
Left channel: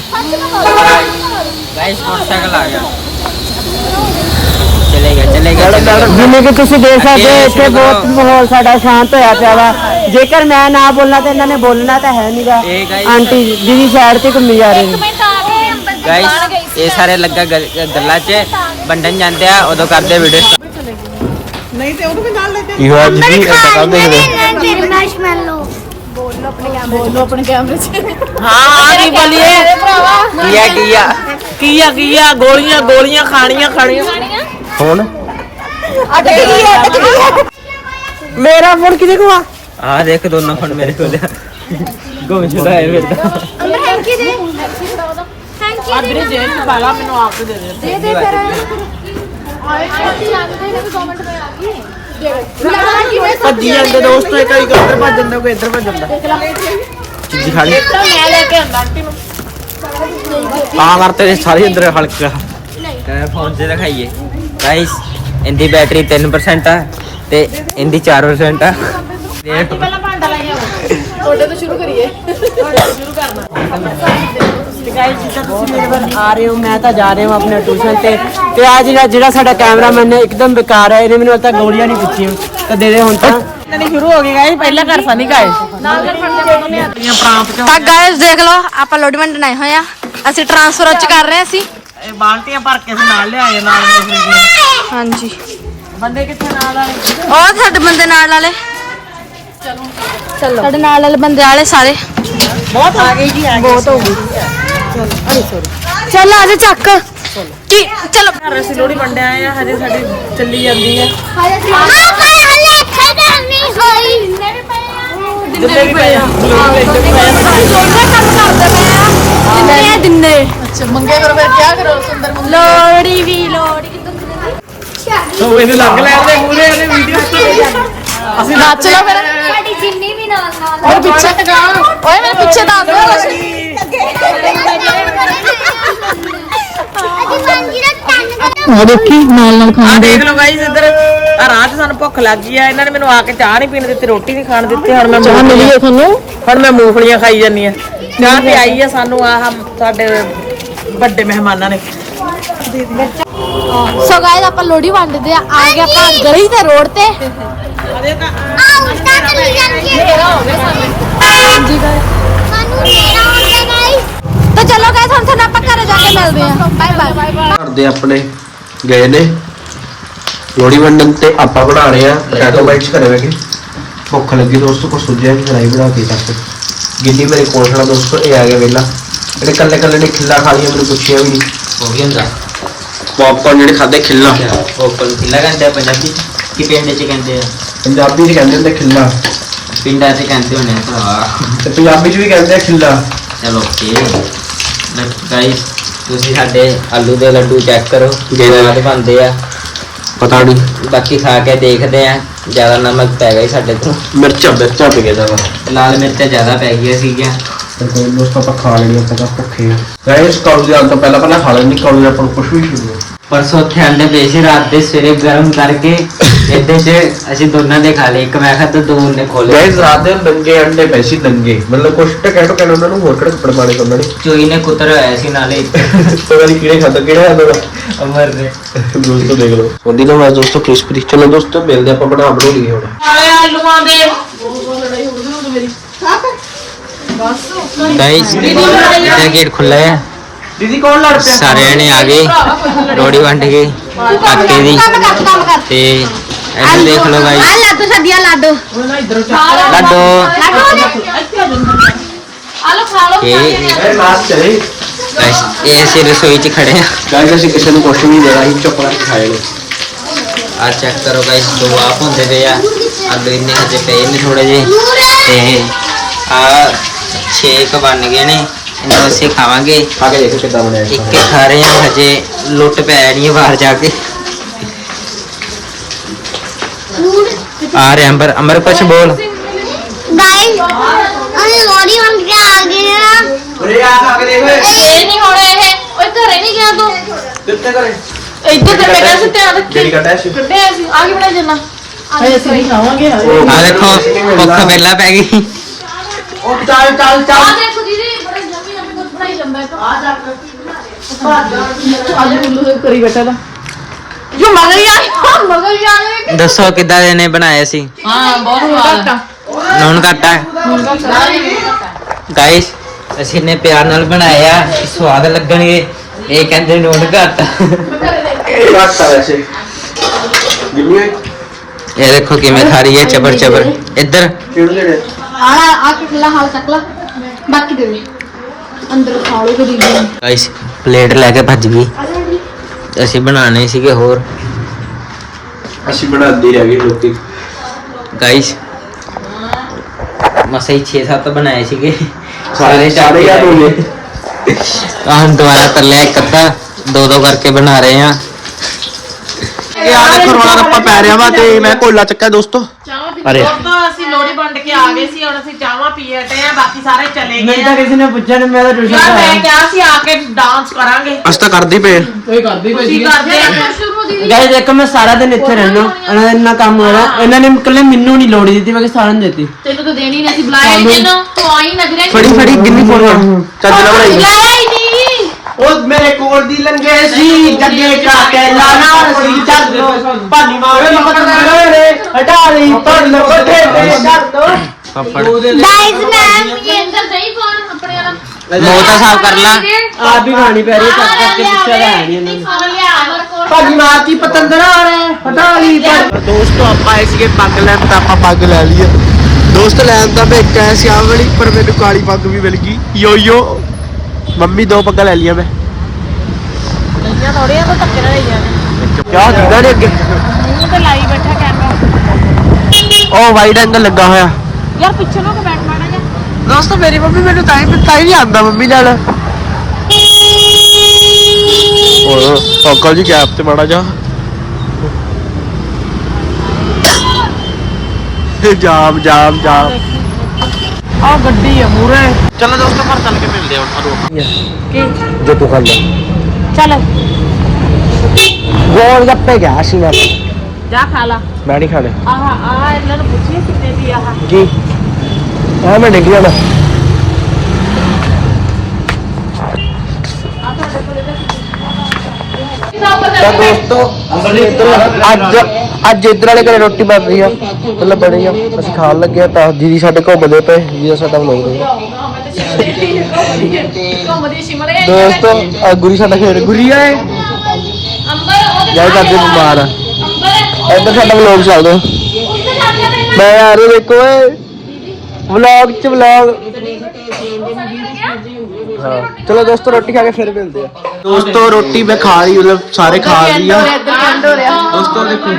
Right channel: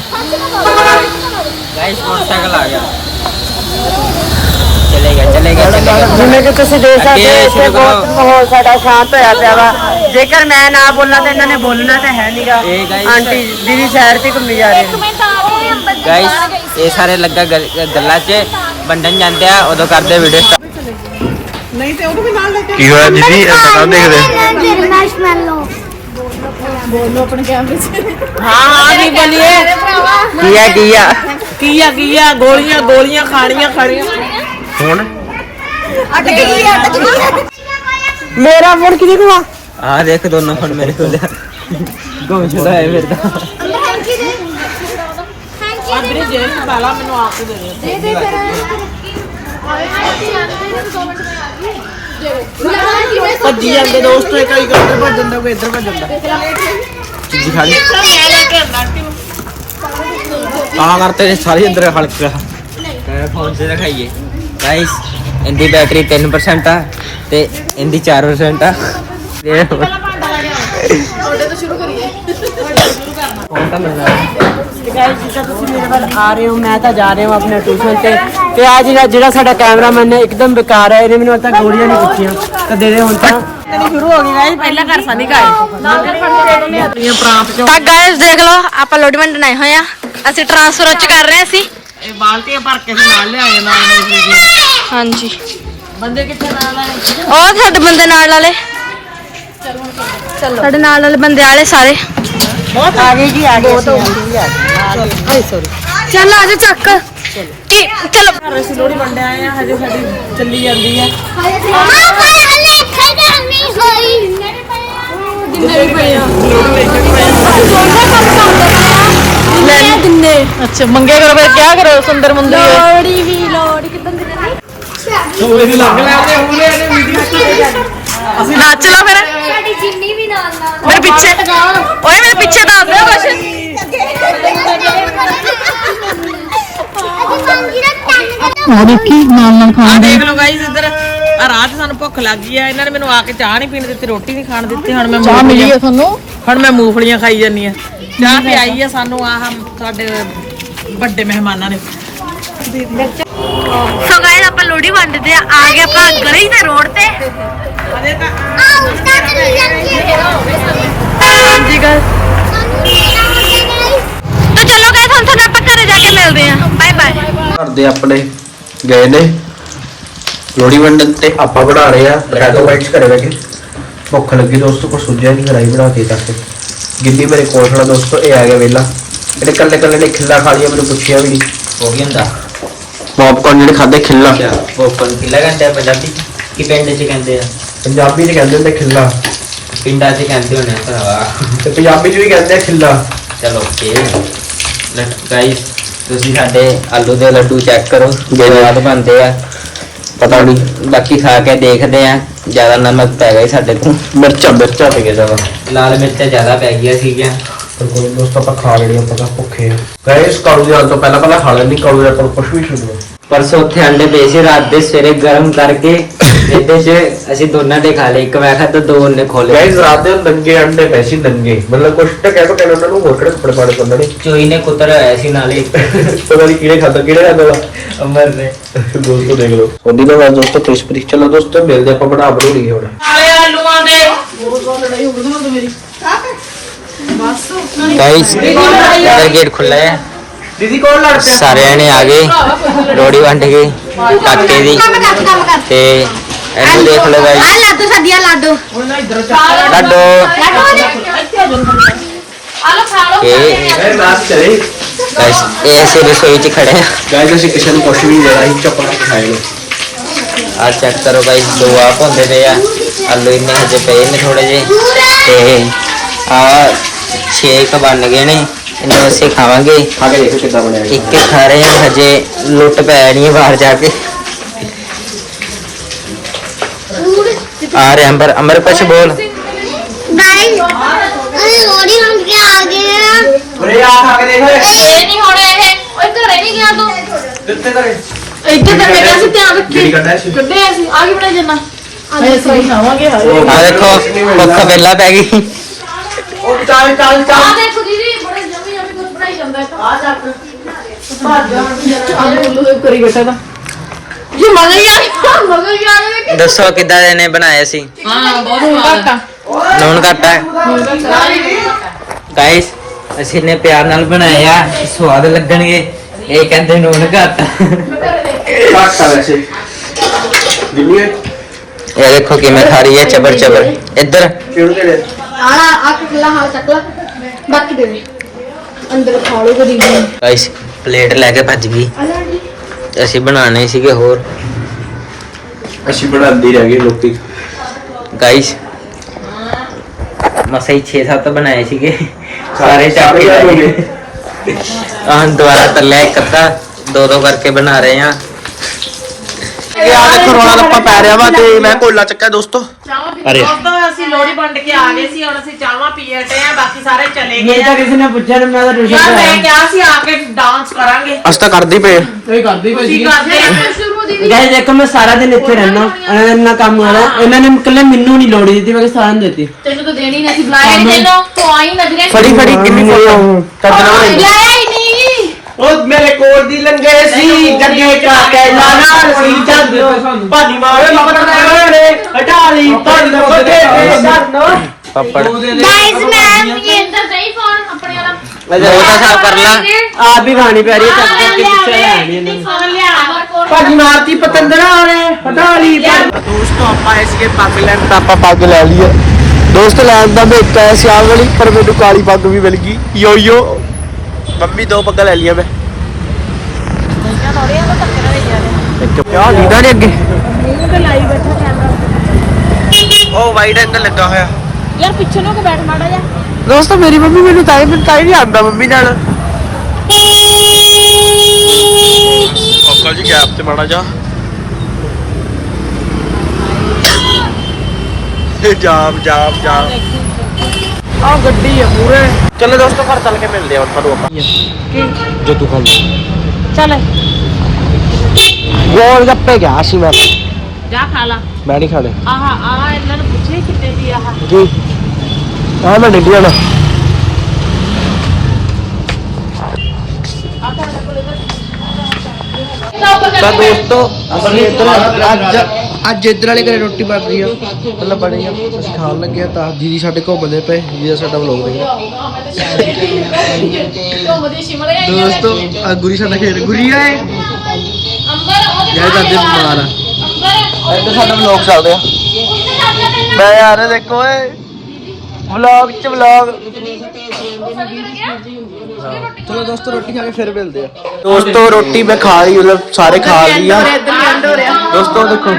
ਗਾਇਸ ਮੋਟਰਸਾਈਕਲ ਆ ਗਿਆ। ਚਲੇਗਾ ਚਲੇਗਾ ਜਿਵੇਂ ਕਿ ਤੁਸੀਂ ਦੇਖ ਸਕਦੇ ਹੋ ਸਾਡਾ ਸ਼ਾਂਤ ਹੋਇਆ ਪਿਆ ਜੇਕਰ ਮੈਂ ਨਾ ਬੋਲਾਂ ਤੇ ਇਹਨਾਂ ਨੇ ਬੋਲਣਾ ਤਾਂ ਹੈ ਨਹੀਂਗਾ ਇਹ guys- ਆਂਟੀ ਦੀਦੀ ਤੇ ਘੁੰਮੀ ਜਾ ਰਹੀ ਹੈ ਮਿੰਟ ਆ ਗਏ ਅੰਬਰ ਦੀ ਗਾਇਸ ਇਹ ਸਾਰੇ ਲੱਗਾ ਗੱਲਾਂ 'ਚ। ਵੰਡਣ ਜਾਂਦੇ ਆ ਉਦੋਂ ਕਰਦੇ ਵੀਡੀਓ ਨਹੀਂ ਤੇ ਉਹਨੂੰ ਵੀ ਨਾਲ ਲੈ ਕੇ ਕੀ ਹੋਇਆ ਦੀਦੀ? ਅੰਦਰ ਕੰਮ ਦੇਖਦੇ ਸੀ। ਬੋਲੋ ਆਪਣੇ ਕੈਮਰੇ 'ਚ ਹਾਂ ਕੀ ਬੋਲੀਏ ਕੀਆ ਕੀਆ ਕੀਆ ਕੀਆ ਗੋਲੀਆਂ ਗੋਲੀਆਂ ਖਾਣੀਆਂ ਖਾਣੀਆਂ ਹੁਣ ਮੇਰਾ ਫੋਨ ਕਿਹਦੇ ਕੋਲ ਆ ਆ ਦੇਖ ਦੋਨੋਂ ਹੁਣ ਮੇਰੇ ਕੋਲ ਆ। ਘੁੰਮ ਚੁੱਕਾ ਹੈ ਚ ਪਾ ਲਾ ਮੈਨੂੰ ਆਪ ਦੇ ਦੇ ਦੇ ਦੇ ਫਿਰ ਆਏ ਜਾਂਦੇ ਨੇ 2 ਮਿੰਟ ਮੈਂ ਆ ਗਈ ਦੇ ਭੱਜੀ ਜਾਂਦੇ ਦੋਸਤੋ ਇੱਕ ਵਾਰੀ ਇੱਧਰ ਭੱਜ ਜਾਂਦਾ ਕੋਈ ਇੱਧਰ ਭੱਜ ਜਾਂਦਾ। ਚੀਜ਼ੀ ਖਾ ਲਈ। ਮੈਂ ਲੈ ਕੇ ਆਂਦਾ ਆਂਟੀ ਨੂੰ ਤਾਂ ਕਰਤੇ ਸਾਰੇ ਅੰਦਰ ਹਲਕਾ ਕਹੇ ਫੋਨ 'ਚ ਦਿਖਾਈਏ ਗਾਇਸ ਇਹਦੀ ਬੈਟਰੀ 3% ਆ ਤੇ ਇਹਦੀ 4% ਆ। ਪਹਿਲਾਂ ਭਾਂਡਾ ਲਾ ਕੇ ਤੁਹਾਡੇ ਤੋਂ ਸ਼ੁਰੂ ਕਰੀਏ। ਤੇ ਗਾਇਸ ਜਿੱਦਾਂ ਤੁਸੀਂ ਮੇਰੇ ਵੱਲ ਆ ਰਹੇ ਹੋ ਮੈਂ ਤਾਂ ਜਾ ਰਿਹਾ ਹਾਂ ਆਪਣੇ ਟਿਊਸ਼ਨ ਤੇ। ਤੇ ਆ ਜਿਹੜਾ ਜਿਹੜਾ ਸਾਡਾ ਕੈਮਰਾਮੈਨ ਹੈ ਇੱਕਦਮ ਬੇਕਾਰ ਹੈ ਇਹਨੇ ਮੈਨੂੰ ਅੱਜ ਤੱਕ ਗੋਲੀਆਂ ਨਹੀਂ ਪੁੱਛੀਆਂ। ਤਾਂ ਦੇ ਦੇ ਹੁਣ ਤਾਂ। ਨਹੀਂ ਸ਼ੁਰੂ ਹੋ ਗਈ ਗਾਈ ਪਹਿਲਾਂ ਘਰ ਸਾਨੀ ਗਾਏ। ਨਾਲ ਨਾਲ ਫੜ ਕੇ ਆਪਾਂ ਦੋਨੇ ਹੱਥ। ਦੀਆਂ ਪ੍ਰਾਂਤ ਚੋਂ ਤਾਂ ਗਾਇਸ ਦੇਖ ਲਓ ਆਪਾਂ ਲੋਡਮੈਂਟ ਬਣਾਏ ਹੋਏ ਆ। ਅਸੀਂ ਟ੍ਰਾਂਸਫਰ ਉੱਚ ਕਰ ਰਹੇ ਸੀ ਇਹ ਬਾਲਟੀਆਂ ਭਰ ਕੇ ਅਸੀਂ ਨਾਲ ਲਿਆਏ ਨਾਲ ਮੋਸਲੀ ਦੀਆਂ। ਹਾਂਜੀ। ਬੰਦੇ ਕਿੱਥੇ ਨਾਲ ਆਏ ਉਹ ਸਾਡੇ ਬੰਦੇ ਨਾਲ ਵਾਲੇ। ਸਾਡੇ ਨਾਲ ਵਾਲੇ ਬੰਦੇ ਵਾਲੇ ਸਾਰੇ। ਬਹੁਤ ਆ ਗਈ ਜੀ ਬਹੁਤ ਹੋ ਗਈ ਚੱਲ ਆ ਗਈ ਚੱਕ। ਕੀ ਚਲੋ। ਘਰ ਅਸੀਂ ਲੋੜੀ ਵੰਡੇ ਆਏ ਆ ਹਜੇ ਸਾਡੀ ਚੱਲੀ ਜਾਂਦੀ ਆ। ਹਾਂ ਪਰ ਹਲੇ ਖਤਮ ਨਹੀਂ ਹੋਈ। ਮੇਰੇ ਪਏ ਜਿੰਨੇ ਵੀ ਪਏ ਆ। ਲੈ ਦਿੰਨੇ। ਅੱਛਾ ਮੰਗਿਆ ਕਰੋ ਫਿਰ ਕਿਆ ਕਰੋ ਸੁੰਦਰ ਮੁੰਦਰ ਲੋੜੀ ਵੀ ਲੋੜੀ ਤੂੰ ਇਹਨੂੰ ਲੱਗ ਲੈਂਦੇ ਪੂਰੇ ਇਹਨੇ ਵੀਡੀਓ ਅਸੀਂ ਨੱਚ ਲਓ ਫਿਰ। ਸਾਡੀ ਜਿੰਨੀ ਵੀ ਨਾਲ ਨਾਲ ਮੇਰੇ ਪਿੱਛੇ ਓਏ ਮੇਰੇ ਪਿੱਛੇ ਤਾਂ ਆਉਂਦੇ ਹੋ ਬਸ। ਉਹ ਦੇਖੀ ਨਾਲ ਨਾਲ ਆ ਦੇਖ ਲਓ ਗਾਈਸ ਇੱਧਰ ਆ ਰਾਤ ਸਾਨੂੰ ਭੁੱਖ ਲੱਗ ਗਈ ਆ। ਇਹਨਾਂ ਨੇ ਮੈਨੂੰ ਆ ਕੇ ਚਾਹ ਨਹੀਂ ਪੀਣ ਦਿੱਤੀ ਰੋਟੀ ਨਹੀਂ ਖਾਣ ਦਿੱਤੀ। ਹੁਣ ਮੈਂ ਮੂੰਗਫਲੀਆਂ ਤੁਹਾਨੂੰ? ਹੁਣ ਮੈਂ ਮੂੰਗਫਲੀਆਂ ਖਾਈ ਜਾਂਦੀ ਆ। ਚਾਹ ਤੇ ਆਈ ਆ ਸਾਨੂੰ ਆਹ ਸਾਡੇ ਵੱਡੇ ਮਹਿਮਾਨਾਂ ਨੇ। ਸੋ ਗਾਇਸ ਆਪਾਂ ਲੋੜੀ ਵੰਡਦੇ ਆ। ਆ ਗਏ ਆਪਾਂ ਗਲੀ ਤੇ ਰੋਡ ਤੇ। ਅਜੇ ਤਾਂ ਹਾਂਜੀ ਗਾਇਸ ਤਾਂ ਚਲੋ ਗਾਇਸ ਹੁਣ ਤੁਹਾਨੂੰ ਆਪਾਂ ਘਰੇ ਜਾ ਕੇ ਮਿਲਦੇ ਆ ਬਾਏ ਬਾਏ ਘਰ ਦੇ ਆਪਣੇ ਗਏ ਨੇ। ਲੋੜੀ ਵੰਡਣ ਤੇ ਆਪਾਂ ਬਣਾ ਰਹੇ ਆ ਪਟੈਟੋ ਬਾਈਟਸ ਘਰੇ ਬੈ ਕੇ। ਭੁੱਖ ਲੱਗੀ ਦੋਸਤੋ ਕੋ ਸੁਝਿਆ ਨਹੀਂ ਕਰਾਈ ਬਣਾ ਕੇ ਤੱਕ ਗਿੱਲੀ ਮੇਰੇ ਕੋਲ ਖੜਾ ਦੋਸਤੋ ਇਹ ਆ ਗਿਆ ਵੇਲਾ। ਇਹਨੇ ਕੱਲੇ ਕੱਲੇ ਨੇ ਖਿੱਲਾ ਖਾ ਲਿਆ ਮੈਨੂੰ ਪੁੱਛਿਆ ਵੀ ਨਹੀਂ ਹੋ ਗਿਆ ਹੁੰਦਾ। ਪੌਪਕਾਰਨ ਜਿਹੜੇ ਖਾਦੇ ਖਿੱਲਾ। ਓਪਨ ਕਿੱਲਾ ਕਹਿੰਦੇ ਆ ਪੰਜਾਬੀ 'ਚ? ਕਿ ਪਿੰਡ 'ਚ ਕਹਿੰਦੇ ਆ? ਪੰਜਾਬੀ 'ਚ ਕਹਿੰਦੇ ਹੁੰਦੇ ਖਿੱਲਾ। ਪਿੰਡਾਂ 'ਚ ਕਹਿੰਦੇ ਹੋਣੇ ਆ ਭਰਾਵਾ। ਤੇ ਪੰਜਾਬੀ 'ਚ ਵੀ ਕਹਿੰਦੇ ਆ ਖਿੱਲਾ। ਚਲੋ ਓਕੇ ਗਾਇਸ ਤੁਸੀਂ ਸਾਡੇ ਆਲੂ ਦੇ ਲੱਡੂ ਚੈੱਕ ਕਰੋ। ਸਵਾਦ ਬਣਦੇ ਆ। ਪਤਾ ਨਹੀਂ। ਬਾਕੀ ਖਾ ਕੇ ਦੇਖਦੇ ਆ ਜ਼ਿਆਦਾ ਨਮਕ ਪੈ ਗਿਆ ਸਾਡੇ ਤੋਂ ਮਿਰਚਾਂ ਮਿਰਚਾਂ ਪਈ ਗਿਆ ਜ਼ਿਆਦਾ। ਲਾਲ ਮਿਰਚਾਂ ਜ਼ਿਆਦਾ ਪੈ ਗਈਆਂ ਸੀਗੀਆਂ। ਪਰ ਕੋਈ ਦੋਸਤੋ ਆਪਾਂ ਖਾ ਲੈਣੀ ਆਪਾਂ ਤਾਂ ਭੁੱਖੇ ਆ। ਗਾਇਸ ਕਾਲੂ ਦੇ ਆਉਣ ਤੋਂ ਪਹਿਲਾਂ ਪਹਿਲਾਂ ਖਾ ਲੈਣੀ ਕਾਲੂ ਦੇ ਆਪਾਂ ਨੂੰ ਕੁਛ ਵੀ ਛੱਡਣਾ ਪਰਸੋਂ ਉੱਥੇ ਅੰਡੇ ਪਏ ਸੀ ਰਾਤ ਦੇ ਸਵੇਰੇ ਗਰਮ ਕਰਕੇ ਇਹਦੇ 'ਚ ਅਸੀਂ ਦੋਨਾਂ ਦੇ ਖਾ ਲਏ। ਇੱਕ ਮੈਂ ਖਾਧਾ ਦੋ ਉਹਨੇ ਖੋਲ ਲਏ। ਗਾਇਸ ਰਾਤ ਦੇ ਨੰਗੇ ਅੰਡੇ ਪਏ ਸੀ ਨੰਗੇ। ਮਤਲਬ ਕੁਛ ਤਾਂ ਕਹਿ ਤੋ ਕਹਿ ਉਹਨਾਂ ਨੂੰ ਹੋਰ ਕਿਹੜੇ ਕੱਪੜੇ ਪਾਣੇ ਕੰਨਾਂ ਨੇ ਚੋਈ ਨੇ ਕੁੱਤਰ ਹੋਇਆ ਸੀ ਨਾਲੇ। ਪਤਾ ਨਹੀਂ ਕਿਹੜੇ ਖਾਦਾ ਕਿਹੜੇ ਖਾਦਾ ਅਮਰ ਨੇ ਦੋਸਤੋ ਦੇਖ ਲਓ। ਉਹਦੀ ਨਾ ਬਾਤ ਦੋਸਤੋ ਕ੍ਰਿਸਪੀ ਚਲੋ ਦੋਸਤੋ ਮਿਲਦੇ ਆਪਾਂ ਬਣਾ ਬਣੋ ਲਈਏ ਹੁਣ। ਆਲੇ ਆਲੂਆਂ ਦੇ। ਗਾਇਸ ਇੱਧਰ ਗੇਟ ਖੁੱਲਾ ਹੈ। ਦੀਦੀ ਕੌਣ ਲੜ ਪਿਆ ਸਾਰਿਆਂ ਨੇ ਆ ਗਏ ਰੋੜੀ ਵੰਡ ਕੇ ਕਾਕੇ ਵੀ ਤੇ ਇਹਨੂੰ ਦੇਖ ਲਓ ਗਾਇਸ ਆ ਲਾਡੋ ਸੱਦਿਆ ਲਾਡੋ ਲੱਡੋ ਇਹ ਇਹ ਮਾਸ ਚਲੇ ਗਾਇਸ ਇਹ ਅਸੀਂ ਰਸੋਈ 'ਚ ਖੜੇ ਆ ਗਾਇਸ ਅਸੀਂ ਕਿਸੇ ਨੂੰ ਕੁਛ ਨਹੀਂ ਦੇਣਾ ਅਸੀਂ ਚੁੱਪ ਕਰਕੇ ਖਾਏ ਲੋ ਆ ਚੈੱਕ ਕਰੋ ਗਾਇਸ ਦੋ ਆਪ ਹੁੰਦੇ ਪਏ ਆ ਆਲੂ ਇੰਨੇ ਹਜੇ ਪਏ ਨੇ ਥੋੜੇ ਜਿਹੇ ਤੇ ਆ ਛੇਕ ਬਣ ਗਏ ਨੇ ਇਹਨੂੰ ਅਸੀਂ ਖਾਵਾਂਗੇ ਖਾ ਕੇ ਦੇਖੋ ਕਿੱਦਾਂ ਬਣਿਆ ਇਹ। ਇੱਕ ਇੱਕ ਖਾ ਰਹੇ ਆ ਹਜੇ ਲੁੱਟ ਪੈ ਨਹੀਂ ਬਾਹਰ ਜਾ ਕੇ ਆ ਰਹੇ ਅੰਬਰ ਅੰਬਰ ਕੁਛ ਬੋਲ ਗਾਇਸ ਅਸੀਂ ਲੋੜੀ ਵੰਡ ਕੇ ਆ ਗਏ ਆ ਇਹ ਨਹੀਂ ਹੋਣਾ ਇਹ ਓਏ ਘਰੇ ਨਹੀਂ ਗਿਆ ਤੂੰ ਕਿੱਥੇ ਕਰੇ ਇੱਥੇ ਤੇ ਮੇਰਾ ਸੀ ਧਿਆਨ ਰੱਖੀ ਜਿਹੜੀ ਕੱਢਿਆ ਸੀ ਕੱਢਿਆ ਸੀ ਆ ਕੇ ਬਣਾਈ ਜੰਨਾ ਅਸੀਂ ਖਾਵਾਂਗੇ ਹਾਏ ਆ ਦੇਖੋ ਭੁੱਖ ਪਹਿਲਾਂ ਪੈ ਗਈ ਉਹ ਚੱਲ ਚੱਲ ਚੱਲ ਇਹ ਆ ਆ ਦੱਸੋ ਕਿੱਦਾਂ ਦੇ ਨੇ ਬਣਾਏ ਸੀ? ਹਾਂ ਬਹੁਤ ਸਵਾਦ। ਨੂਨ ਘੱਟ ਹੈ ਗਾਇਸ ਅਸੀਂ ਨੇ ਪਿਆਰ ਨਾਲ ਬਣਾਇਆ ਸਵਾਦ ਲੱਗਣਗੇ। ਇਹ ਕਹਿੰਦੇ ਨੂਨ ਘੱਟ। ਘੱਟ ਆ ਵੈਸੇ। ਬਿੱਲੂ ਇਹ ਇਹ ਦੇਖੋ ਕਿਵੇਂ ਖਾ ਰਹੀ ਹੈ ਚਬਰ ਚਬਰ ਇੱਧਰ ਕਿਹੜੇ ਕਿਹੜੇ ਆਲਾ ਆ ਕੇ ਕਿਲਾ ਹਾਲ ਚੱਕ ਲਾ। ਬਾਕੀ ਦੇ ਦੇ। ਅੰਦਰ ਖਾ ਲਓ ਗਰੀਬ ਨੂੰ। ਗਾਇਸ ਪਲੇਟ ਲੈ ਕੇ ਭੱਜ ਗਈ। ਅਸੀਂ ਬਣਾਣੇ ਸੀਗੇ ਹੋਰ। ਅਸੀਂ ਬਣਾਉਂਦੇ ਰਹਿ ਲੋਕੀ। ਗਾਇਸ ਮਸਾਂ 6-7 ਬਣਾਏ ਸੀਗੇ। ਸਾਰੇ ਚਾਰੇ ਯਾਦ ਗਏ। ਆਹ ਦੁਬਾਰਾ ਤਰਲਿਆ ਇੱਕ ਅੱਧਾ ਦੋ ਦੋ ਕਰਕੇ ਬਣਾ ਰਹੇ ਆ ਇਹ ਆ ਦੇਖੋ ਰੋਲਾ ਰੱਪਾ ਪੈ ਰਿਹਾ ਵਾ ਤੇ ਮੈਂ ਕੋਲਾ ਚੱਕਿਆ ਦੋਸਤੋ। ਅਰੇ। ਤਾਂ ਅਸੀਂ ਲੋੜੀ ਵੰਡ ਕੇ ਆ ਗਏ ਸੀ ਹੁਣ ਅਸੀਂ ਚਾਹਾਂ ਪੀਏ ਤੇ ਆ ਬਾਕੀ ਸਾਰੇ ਚਲੇ ਗਏ ਨਹੀਂ ਤਾਂ ਕਿਸੇ ਨੇ ਪੁੱਛਿਆ ਤੇ ਮੈਂ ਤਾਂ ਟਿਊਸ਼ਨ ਯਾਰ ਮੈਂ ਕਿਹਾ ਸੀ ਆ ਕੇ ਡਾਂਸ ਕਰਾਂਗੇ। ਅਸੀਂ ਤਾਂ ਕਰਦੇ ਪਏ ਆ। ਕੋਈ ਕਰਦੀ ਤੁਸੀਂ ਕਰਦੇ ਆ। ਸ਼ੁਰੂ ਦੀ ਗਾਇਸ ਦੇਖੋ ਮੈਂ ਸਾਰਾ ਦਿਨ ਇੱਥੇ ਰਹਿਣਾ ਇਹਨਾਂ ਦਾ ਇੰਨਾ ਕੰਮ ਹੋ। ਰਿਹਾ ਇਹਨਾਂ ਨੇ ਇਕੱਲੇ ਮੈਨੂੰ ਨਹੀਂ ਲੋੜੀ ਦਿੱਤੀ ਮੈਂ ਕਿ ਸਾਰਿਆਂ ਨੂੰ ਦਿੱਤੀ। ਤੈਨੂੰ ਤਾਂ ਦੇਣੀ ਨਹੀਂ ਸੀ ਬੁਲਾਇਆ ਨਹੀਂ ਤੈਨੂੰ। ਤੂੰ ਆਈ ਨਜ਼ਰੇ ਫੜੀ ਫੜੀ ਕਿੰਨੀ ਫੋਟੋ? ਚੱਜ ਨਾਲ ਬਣਾਈ ਬੁਲਾਇਆ ਹੀ ਨਹੀਂ ਉਹ ਮੇਰੇ ਕੋਲ ਦੀ ਲੰਗੇ ਸੀ ਗੱਡੇ ਕਾਕੇ ਲਾਣਾ ਸੀ ਚੱਦ ਭਾਨੀ ਮਾਰੇ ਮਗਰ ਕਰਾਣੇ ਹਟਾ ਲਈ ਪਰ ਲੋਕੇ ਤੇ ਡਰਨ ਪਪੜ। ਗਾਇਸ ਮੈਮ ਇਹ ਤਾਂ ਸਹੀ ਫੋਨ ਆਪਣੇ ਵਾਲਾ। ਮੂੰਹ ਤਾਂ ਸਾਫ਼ ਕਰ ਲਾ। ਆ ਵੀ ਵਾਣੀ ਪੈ ਰਹੀ ਹੈ ਚੱਕ ਚੱਕ ਕੇ ਪਿੱਛੇ ਲੈ ਆਣੀ ਇਹਨਾਂ ਨੂੰ। ਭਾਜੀ ਮਾਰਤੀ ਪਤੰਦਰਾ ਨੇ ਹਟਾ ਲਈ ਪਰ ਦੋਸਤੋ ਆਪਾਂ ਇਸ ਕੇ ਪੱਗ ਲੈਣ ਤਾਂ ਆਪਾਂ ਪੱਗ ਲੈ ਲਈ ਦੋਸਤ ਲੈਣ ਦਾ ਮੈਂ ਇੱਕ ਐ ਸਿਆਲ ਵਾਲੀ ਪਰ ਮੈਨੂੰ ਕਾਲੀ ਪੱਗ ਵੀ ਮਿਲ ਗਈ। ਯੋ ਯੋ ਮੰਮੀ ਦੋ ਪੱਗਾਂ ਲੈ ਲਈਆਂ ਮੈਂ। ਥੋੜੀਆਂ ਤਾਂ ਟੱਕਰ ਹੋਈ ਜਾਣੇ ਕਿਆ ਉਹ ਵਾਈਡ ਐਂਗਲ ਲੱਗਾ ਹੋਇਆ। ਯਾਰ ਪਿੱਛੇ ਨੂੰ ਕਿ ਬੈਠ ਮਾੜਾ ਜਾ ਦੋਸਤੋ ਮੇਰੀ ਮੰਮੀ ਮੈਨੂੰ ਤਾਂ ਹੀ ਮੈਨੂੰ ਤਾਂ ਹੀ ਨਹੀਂ ਆਉਂਦਾ ਮੰਮੀ ਨਾਲ। ਅੰਕਲ ਜੀ ਗੈਪ ਤੇ ਮਾੜਾ ਜਾ (laughs) ਜਾਮ ਜਾਮ ਜਾਮ। ਆ ਗੱਡੀ ਆ ਮੂਰੇ ਚਲੋ ਦੋਸਤੋ ਘਰ ਚੱਲ ਕੇ ਮਿਲਦੇ ਹਾਂ ਤੁਹਾਨੂੰ ਆਪਾਂ। ਜੇ ਤੂੰ ਖਾ ਲੈ। ਚੱਲ। ਗੋਲ ਗੱਪੇ ਗਿਆ ਸੀ ਮੈਂ। ਜਾ ਖਾ ਲਾ ਮੈਂ ਨਹੀਂ ਖਾਣੇ ਆਹ ਆਹ ਇਹਨਾਂ ਨੂੰ ਪੁੱਛੇ ਕਿਤੇ ਵੀ ਆਹ ਕੀ ਆਹ ਮੈਂ ਨਹੀਂ ਖਾਣਾ ਤਾਂ ਦੋਸਤੋ ਅਸੀਂ ਇੱਧਰ ਅੱਜ ਅੱਜ ਇੱਧਰ ਵਾਲੇ ਘਰੇ ਰੋਟੀ ਬਣ ਰਹੀ ਆ ਮਤਲਬ ਬਣੀ ਆ ਅਸੀਂ ਖਾਣ ਲੱਗੇ ਆ ਤਾਂ ਦੀਦੀ ਸਾਡੇ ਘੁੰਮਦੇ ਪਏ ਜੀ ਸਾਡਾ ਬਲੌਗ ਰਹੀ ਦੋਸਤੋ ਆ ਗੁਰੀ ਸਾਡਾ ਖੇਡ ਗੁਰੀ ਆਏ ਅੰਬਰ ਉਹਦੇ ਨਾਲ ਜਾਂਦੇ ਬਿਮਾਰ ਆ ਇੱਧਰ ਸਾਡਾ ਵਲੋਗ ਚੱਲਦਾ ਮੈਂ ਆ ਰਿਹਾ ਦੇਖੋ ਏ ਵਲੌਗ ਚ ਵਲੌਗ ਚਲੋ ਦੋਸਤੋ ਰੋਟੀ ਖਾ ਕੇ ਫਿਰ ਮਿਲਦੇ ਆ। ਦੋਸਤੋ ਰੋਟੀ ਮੈਂ ਖਾ ਲਈ ਮਤਲਬ ਸਾਰੇ ਖਾ ਲਈ ਆ। ਦੋਸਤੋ ਦੇਖੋ।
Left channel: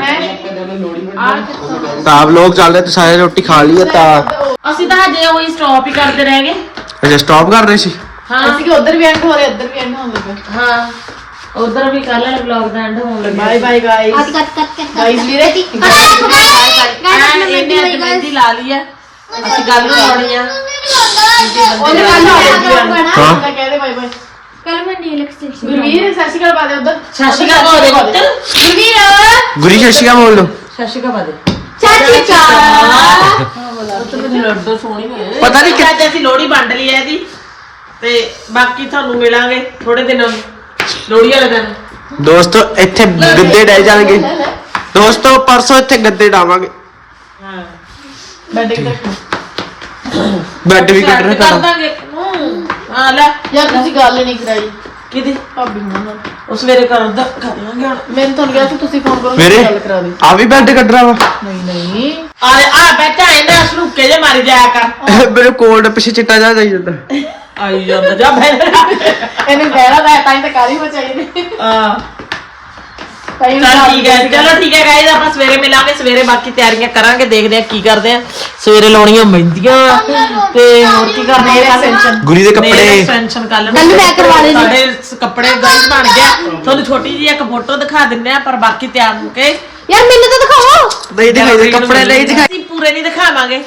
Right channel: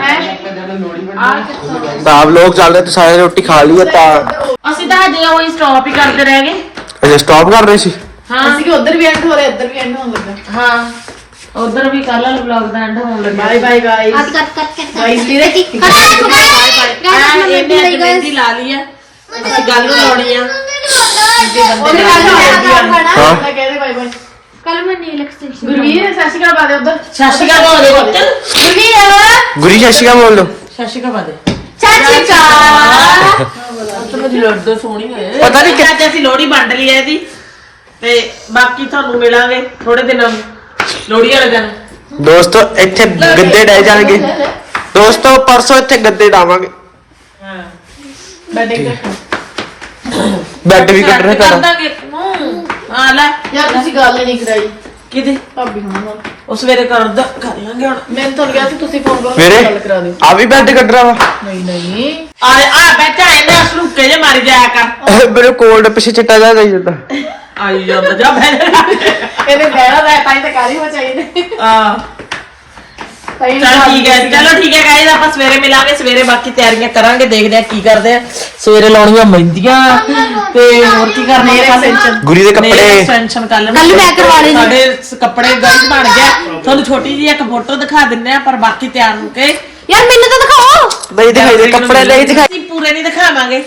ਤਾਂ ਵਲੌਗ ਚੱਲ ਰਿਹਾ ਤੇ ਸਾਰੇ ਰੋਟੀ ਖਾ ਲਈ ਆ ਤਾਂ ਅਸੀਂ ਤਾਂ ਹਜੇ ਉਹੀ ਸਟਾਪ ਹੀ ਕਰਦੇ ਰਹਿ ਗਏ। ਅਜੇ ਸਟਾਪ ਕਰ ਰਹੇ ਸੀ। ਹਾਂ। ਅਸੀਂ ਕਿ ਉਧਰ ਵੀ ਐਂਡ ਹੋ ਰਿਹਾ ਇੱਧਰ ਵੀ ਐਂਡ ਹੋਣ ਲੱਗਾ ਹਾਂ। ਉਧਰ ਵੀ ਕੱਲ ਵਾਲੇ ਵਲੌਗ ਦਾ ਐਂਡ ਹੋਣ ਲੱਗਾ ਬਾਏ ਬਾਏ ਗਾਇਸ ਕੱਟ ਕੱਟ ਕੱਟ ਗਾਇਸ ਵੀਰੇ। ਬਾਏ ਇਹਨੇ ਅੱਜ ਮਹਿੰਦੀ ਲਾ ਲਈ ਆ। ਅਸੀਂ ਗੱਲ ਨੂੰ ਲਾਉਣੀ ਆ। ਉਹਨੇ ਗੱਲ ਹਾਂ ਕਹਿੰਦੇ ਬਾਏ ਬਾਏ ਕੱਲ ਮੈਂ ਨੀਲ ਐਕਸਟੈਂਸ਼ਨ ਗੁਰਵੀਰ ਸਤਿ ਪਾ ਦੇ ਉਧਰ। ਸਤਿ ਸ਼੍ਰੀ ਦੇ ਪੁੱਤ। ਗੁਰਵੀਰ। ਗੁਰੀ ਸਤਿ ਸ਼੍ਰੀ ਅਕਾਲ ਬੋਲ ਪਾ ਦੇ। ਚਾਚੀ ਚਾ ਪਤਾ ਨਹੀਂ ਅੱਜ ਅਸੀਂ ਲੋਹੜੀ ਵੰਡ ਲਈ ਹੈ ਇਹਦੀ। ਤੇ ਬਾਕੀ ਤੁਹਾਨੂੰ ਮਿਲਾਂਗੇ ਥੋੜੇ ਦਿਨਾਂ ਵਾਲੇ ਦਿਨ। ਦੋਸਤੋ ਇੱਥੇ ਗੱਦੇ ਡਾਏ ਜਾਣਗੇ। ਦੋਸਤੋ ਪਰਸੋਂ ਇੱਥੇ ਗੱਦੇ ਡਾਵਾਂਗੇ। ਦੇਖੋ ਬੈੱਡ ਵੀ ਕੱਢ ਰਿਹਾ ਨੂੰ ਆ ਲੈ। ਯਾਰ ਤੁਸੀਂ ਗੱਲ ਨਹੀਂ ਕਰਾਈ। ਕਿਹਦੀ? ਭਾਬੀ ਹੁਣ ਉਸ ਵੇਰੇ ਕਰ ਦ ਕਰ ਲਾਂਗੇ ਹੁਣ ਮੈਂ ਤੁਹਾਨੂੰ ਕਿਹਾ ਸੀ ਤੁਸੀਂ ਫੋਨ ਕਰੋ ਮੇਰੇ ਗੱਲ ਕਰਾ ਦਿਓ। ਆ ਵੀ ਬੈੱਡ ਕੱਢ ਰਹਾ ਵਾ ਨਹੀਂ। ਨਹੀਂ ਆ ਆ ਬੈਠਾ ਇਹਨੇ ਅਸਲੂਕੇ ਜੇ ਮਾਰੀ ਜਾਇਆ ਕਰ। ਮੇਰੇ ਕੋਲਡ ਪਿੱਛੇ ਚਿੱਟਾ ਜਾ ਨਹੀਂ ਜਾਂਦਾ। ਆਈ ਜਾਂਦਾ ਜਾ ਬੈਠ ਇਹਨੂੰ ਕਹਿਣਾ ਦਾ ਤਾਂ ਹੀ ਤਾਂ ਕਾਲੀ ਹੋ ਚਾਹੀਦੀ ਆ ਕਈ ਠੀਕ ਹੈ ਚਲੋ ਠੀਕ ਹੈ ਗਾਇਸ ਆਪਾਂ ਸਵੇਰੇ ਮਿਲਾਂਗੇ ਸਵੇਰੇ ਬਾਕੀ ਤਿਆਰੀਆਂ ਕਰਾਂਗੇ ਦੇਖਦੇ ਆ ਕੀ ਕਰਦੇ ਆ। ਸਵੇਰੇ ਲਾਉਣੀਆਂ ਮਹਿੰਦੀਆਂ ਤੇ ਹੋਰ ਕੀ ਕਰਨਾ ਹੈ ਟੈਨਸ਼ਨ ਗੁਰੀ ਦੇ ਕੱਪੜੇ। ਟੈਨਸ਼ਨ ਕਰ ਲੈਣਾ ਸਾਡੇ ਕੱਪੜੇ ਗਾਇਸ ਬਣ ਗਿਆ ਤੁਹਾਨੂੰ ਛੋਟੀ ਜਿਹੀ ਇੱਕ ਫੋਟੋ ਦਿਖਾ ਦਿੰਨੇ ਆ ਪਰ ਬਾਕੀ ਤਿਆਰ ਹੋ ਕੇ ਯਾਰ ਮੈਨੂੰ ਤਾਂ ਦਿਖਾਓ। ਨਹੀਂ ਦਿਖਾਈ ਦੇ ਕੱਪੜੇ ਨਹੀਂ ਦਿਖਾਈ। ਅਸੀਂ ਪੂਰੇ ਨਹੀਂ ਦਿਖਾਵਾਂਗੇ।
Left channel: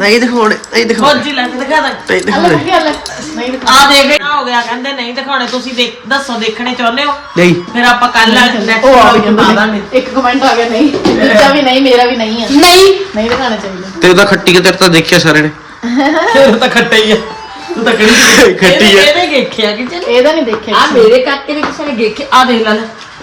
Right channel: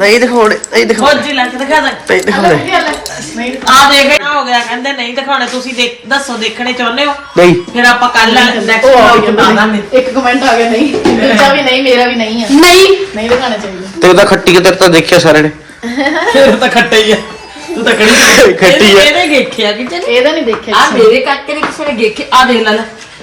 ਨਹੀਂ ਦਿਖਾਉਣੇ ਨਹੀਂ ਦਿਖਾਉਣੇ। ਫੌਜੀ ਲੱਗ ਦਿਖਾ ਦਾਂ। ਨਹੀਂ ਦਿਖਾਉਣੇ। ਆ ਦੇਖ ਆ ਹੋ ਗਿਆ ਕਹਿੰਦੇ ਨਹੀਂ ਦਿਖਾਉਣੇ ਤੁਸੀਂ ਦੇਖ ਦੱਸੋ ਦੇਖਣੇ ਚਾਹੁੰਦੇ ਹੋ? ਨਹੀਂ। ਫਿਰ ਆਪਾਂ ਕੱਲ ਨੈਕਸਟ ਆ ਪਾ ਦਾਂਗੇ। ਇੱਕ ਕਮੈਂਟ ਆ ਗਿਆ ਨਹੀਂ। ਦੂਜਾ ਵੀ ਨਹੀਂ ਮੇਰਾ ਵੀ ਨਹੀਂ ਆ। ਨਹੀਂ। ਨਹੀਂ ਦਿਖਾਣਾ ਚਾਹੀਦਾ। ਤੇਰੇ ਤਾਂ ਖੱਟੀ ਕੇ ਤੇਰੇ ਤਾਂ ਦੇਖਿਆ ਸਾਰਿਆਂ ਨੇ। ਫਿਰ ਤਾਂ ਖੱਟਾ ਹੀ ਆ। ਤੂੰ ਤਾਂ ਕੜੀ ਖੱਟੀ ਆ। ਇਹਨੇ ਦੇਖਿਆ ਕਿ ਚੱਲ। ਇਹਦਾ ਨਹੀਂ ਦੇਖਿਆ ਆ ਮੇਰੇ ਕਾਕੇ ਨੇ ਕਿਸੇ ਨੇ ਦੇਖਿਆ। ਆ ਦੇਖ ਲੈ ਲੈ।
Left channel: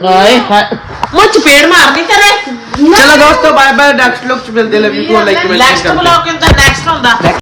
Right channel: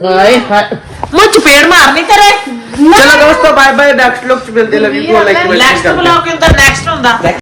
ਮੈਂ ਚਪੇੜ ਮਾਰਨੀ ਤੇਰੇ। ਚਲੋ ਦੋਸਤੋ ਬਾਏ ਬਾਏ ਨੈਕਸਟ ਲੁੱਕ ਚ ਮਿਲਦੇ love you too like comment next ਕਰਦੇ ਬਲੌਗ ਨੈਕਸਟ ਹੁੰਦਾ।